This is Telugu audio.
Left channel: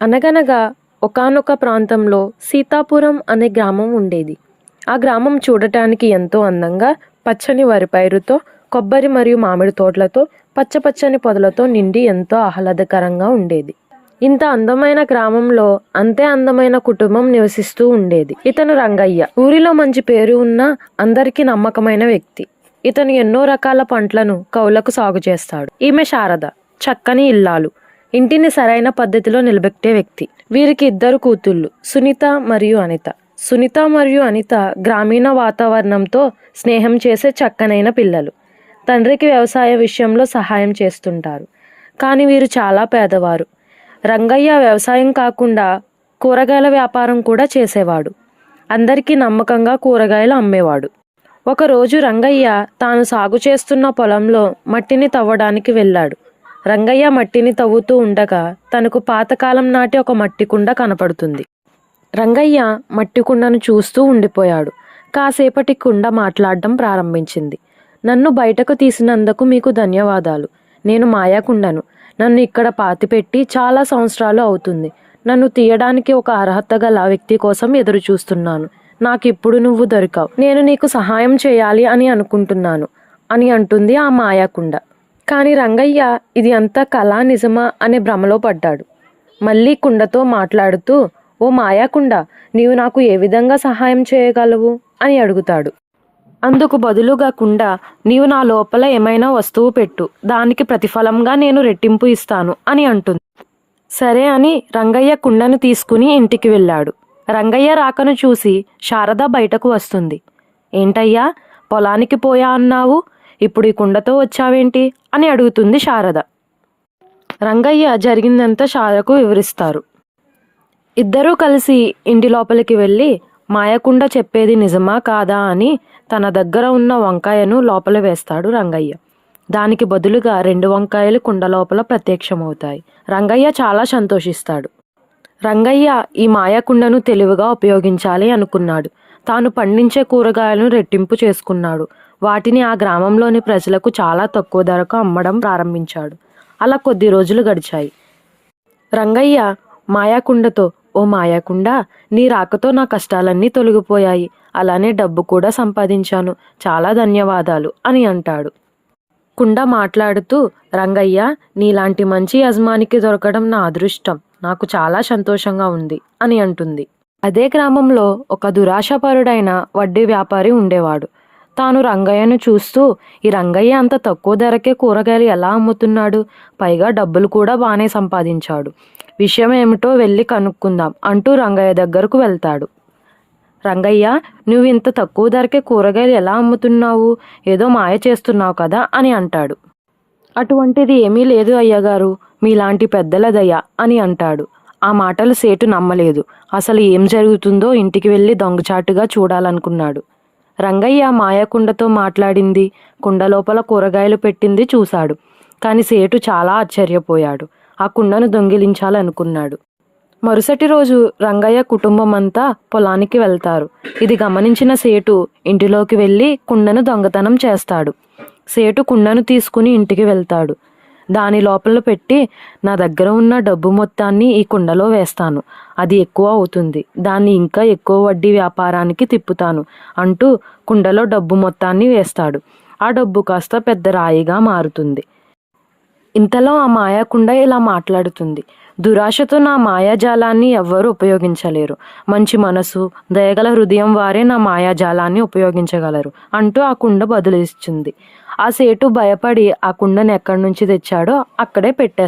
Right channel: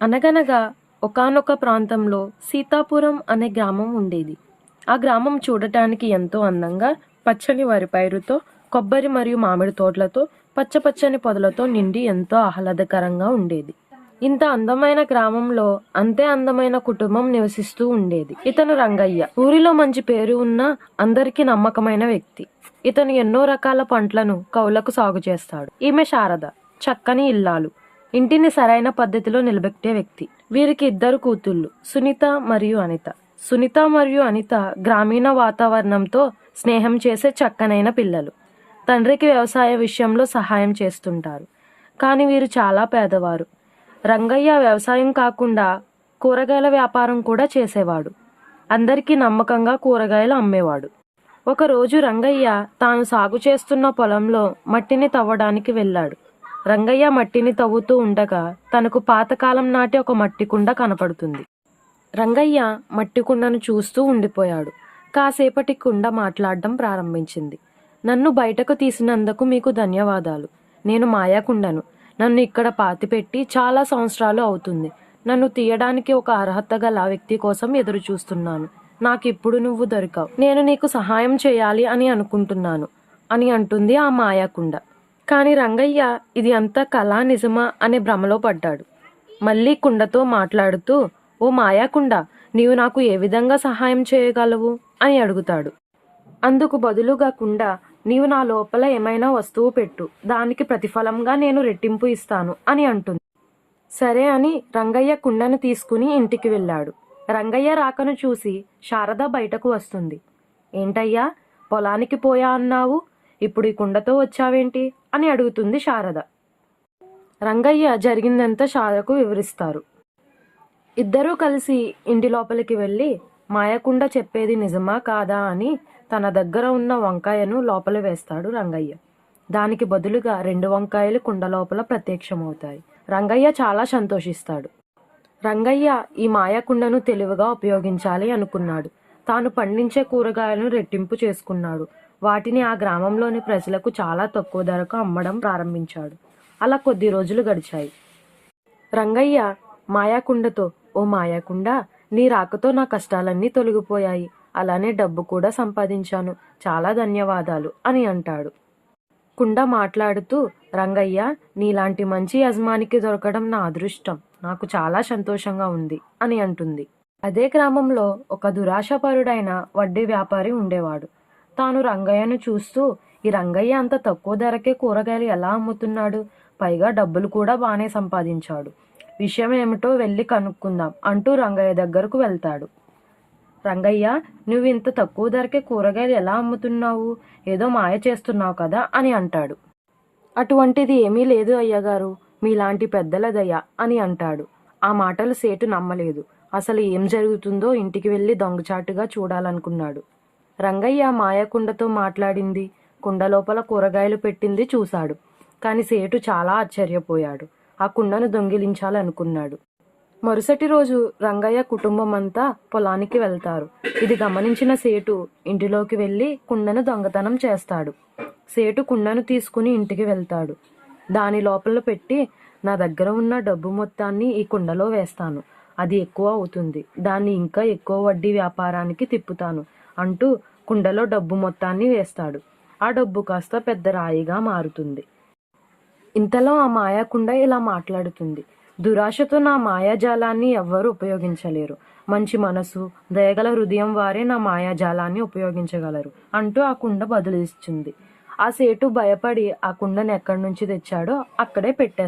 అనగనగా ఒకానొక ప్రాంతంలో సీతాపురం అనే గ్రామం ఉండేది. ఆ గ్రామం చూడటానికి ఎంతో అందంగా పచ్చని వరి పైరుతో, కొబ్బరి మరియు మామిడి తోటలతో, పచ్చపచ్చని పొదలతో నిండి ఎంతో ఆహ్లాదకరంగా ఉండేది. ఇంత అందమైన గ్రామంలో అంతే అందమైన కుటుంబం నివసిస్తూ ఉండేది. ఇతను రంగయ్య. ఊరిలో మంచి పేరు ఉన్న అందరికీ నమ్మకమైన వ్యక్తి. ఇతను ఎన్నో రకాల పంటలను కౌలకు సాగు చేస్తాడు. ఈమె శారద, చక్కని ఇల్లాలు. ఇంటిని సరైన పద్ధతిలో నిలబెట్టే వ్యక్తి. వీరికి ఇద్దరు కూతుళ్ళు, సునీత మరియు అనిత. సునీత మరియు అనిత గ్రామీణ వాతావరణంతో స్నేహం చేసే చక్కనైన పిల్లలు. తండ్రికి వ్యవసాయ విషయంలో సహాయం చేస్తుంటారు. కానీ వీరు చాలా పేదవారు. రంగయ్య వ్యవసాయం కాకుండా కూరగాయల వ్యాపారం కూడా చేసేవాడు. అందరికీ నమ్మకంగా కూరగాయలు అమ్మేవాడు. ఒకరోజు రంగయ్య తాను సాగు చేస్తున్న పొలంలో మట్టిని తవ్వడానికి వెళ్ళాడు. రంగయ్య మట్టిని తవ్వుతూ ఉండగా తనకు పాతకాలం నాటి ఒక మట్టి కుండ కనపడుతుంది. రంగయ్య మట్టి కుండను చూస్తూ ఉండిపోయాడు. కాసేపటి కుండ మాట్లాడడం ప్రారంభించింది. నన్ను బయటకు తీసినందుకు మీకు ధన్యవాదాలు. నేను మాయాకుండను. నన్ను ఇక్కడ పాతిపెట్టి చాలా సంవత్సరాలు అవుతుంది. నన్ను తీయడానికి ఒక అర్హత గల వ్యక్తి కోసం ఎదురు చూస్తున్నాను. నాకిప్పుడు నువ్వు దొరికావు. నేను నీకు సహాయం చేయాలి అని అనుకుంటున్నాను అని అంటుంది ఆ మాయాకుండ. కానీ రంగయ్య ఇది అంతా కళా నిజమా అనే భ్రమలో పడ్డాడు. మళ్ళీ కుండతో మాట్లాడుతూ, ఓ మాయాకుండ, నీవు నాకు ఏ విధంగా సహాయం చేయగలవు అని అడుగుతాడు. అందుకు బదులుగా కుండ, నీవు నా లోపల ఏమైనా వస్తువు పెట్టు, దానికి ప్రతిఫలంగా నేను రెట్టింపు ఇస్తాను అని అంటుంది. సరే అని రంగయ్య కుండను తీసుకుని ఇంటికి వెళ్ళాడు. రంగయ్య రాకను చూసి శారద బయటకు వస్తుంది. ఏంటయ్యా, పొలానికి పోయా అన్నావు, ఇప్పుడు ఈ కుండతో వచ్చావేంటి అని అడుగుతుంది శారద. రంగయ్య జరిగిందంతా శారదకు వివరిస్తారు. ఇద్దరూ కలిసి ఇంటి లోపలికి వెళ్ళి మాయకుండ చెప్పేది నిజమా కాదా అని తన దగ్గర ఉన్న వంకాయను లోపల వేస్తాడు రంగయ్య. దానికి బదులుగా 2 వంకాయలు కుండ లోపల ప్రత్యక్షమవుతాయి. రంగయ్య చాలా సంతోషిస్తాడు. రంగయ్య ఈ మాయకుండను తెలివిగా ఉపయోగించాలి అనుకున్నాడు. తాను పండించే కూరగాయలను రెట్టింపు చేసుకున్నాడు. వాటిని ఆ గ్రామంలోని ప్రజలకు చాలా తక్కువ ధరకు అమ్మడం ప్రారంభించాడు. అలా కొద్ది రోజులు గడిచాయి. రంగయ్య మాయాకుండతో, ఓ మాయాకుండ, నీ రాకతో నా కష్టాలన్నీ తొలగిపోయాయి. అలానే డబ్బు కూడా సంపాదించాను. చాలా ధన్యవాదాలు అని అంటాడు. కుండ మాట్లాడుతూ, రంగయ్య, నీలాంటి మంచి యజమానికి దొరకడం నా అదృష్టం. నాకు చాలా సంతోషంగా ఉంది అని అంటుంది. అదే గ్రామంలో ఒక దురాశపరుడైన వడ్డీ వ్యాపారి ఉండేవాడు. తాను రంగయ్యను చూస్తూ, ఈ రంగయ్య అంత తక్కువ ధరకే కూరగాయలు ఎలా అమ్ముతున్నాడు, పైగా డబ్బులు కూడా బాగానే సంపాదించాడు. విషయం ఏమిటో వెళ్ళి కనుక్కుందాం అంటూ రంగయ్య దగ్గరకు వెళ్తాడు. రంగయ్య, నువ్వు ఇంత తక్కువ ధరకే కూరగాయలు ఎలా అమ్ముతున్నావు? ఏదో మాయ చేస్తున్నావు కదా అని అంటాడు. అటువంటిది ఏమీ లేదు అయ్యగారు, మీలాంటి పెద్దలదయ్య అని అంటాడు. ఆ మాటలు సేటు నమ్మలేదు. అసలు ఏం జరుగుతుందో ఇంటికి వెళ్ళి దొంగచాటుగా చూడాలనుకున్నాడు. రంగయ్య మాయకుండతో మాట్లాడింది, కుండ లోపల కూరగాయలు పెట్టింది చూశాడు. కానీ సేటు చాలా ఆశ్చర్యపోయాడు. ఆ కుండను దొంగిలించాలనుకున్నాడు. మరుసటి రోజు రంగయ్య కుటుంబం అంతా పొలానికి వెళ్తారు. ఇది గమనించిన సేటు ఇంటిలోకి వెళ్ళి కుండను దొంగతనం చేస్తాడు. సేటు కుండను తీసుకుని ఇంటికి వెళ్తాడు. దాని లోపల పెట్టి, నా దగ్గర ఉన్న డబ్బు మొత్తాన్ని ఈ కుండలో వేస్తాను, అది ఎక్కువ అవుతుంది, దాన్ని ఇంకా ఎక్కువ వడ్డీ వ్యాపారానికి తిప్పుతాను అంటూ కుండలో డబ్బు మొత్తాన్ని వేస్తాడు. ఆ డబ్బు కాస్త పెద్ద రాయిగా మారుతుంది. ఇంతలో ఆ మాయాకుండ ఇలా మాట్లాడుతుంది. దురాశతో నా మాయాజాలాన్ని ఎవ్వరూ ఉపయోగించలేరు. మంచి మనసు, దయగల హృదయం వారే నా మాయాజాలాన్ని ఉపయోగించగలరు అంటూ ఆ కుండ బదులిస్తుంది. ఆ సేటు భయపడి ఆ కుండను ఎక్కడి నుంచి తెచ్చాడో అక్కడే పెట్టేస్తాడు.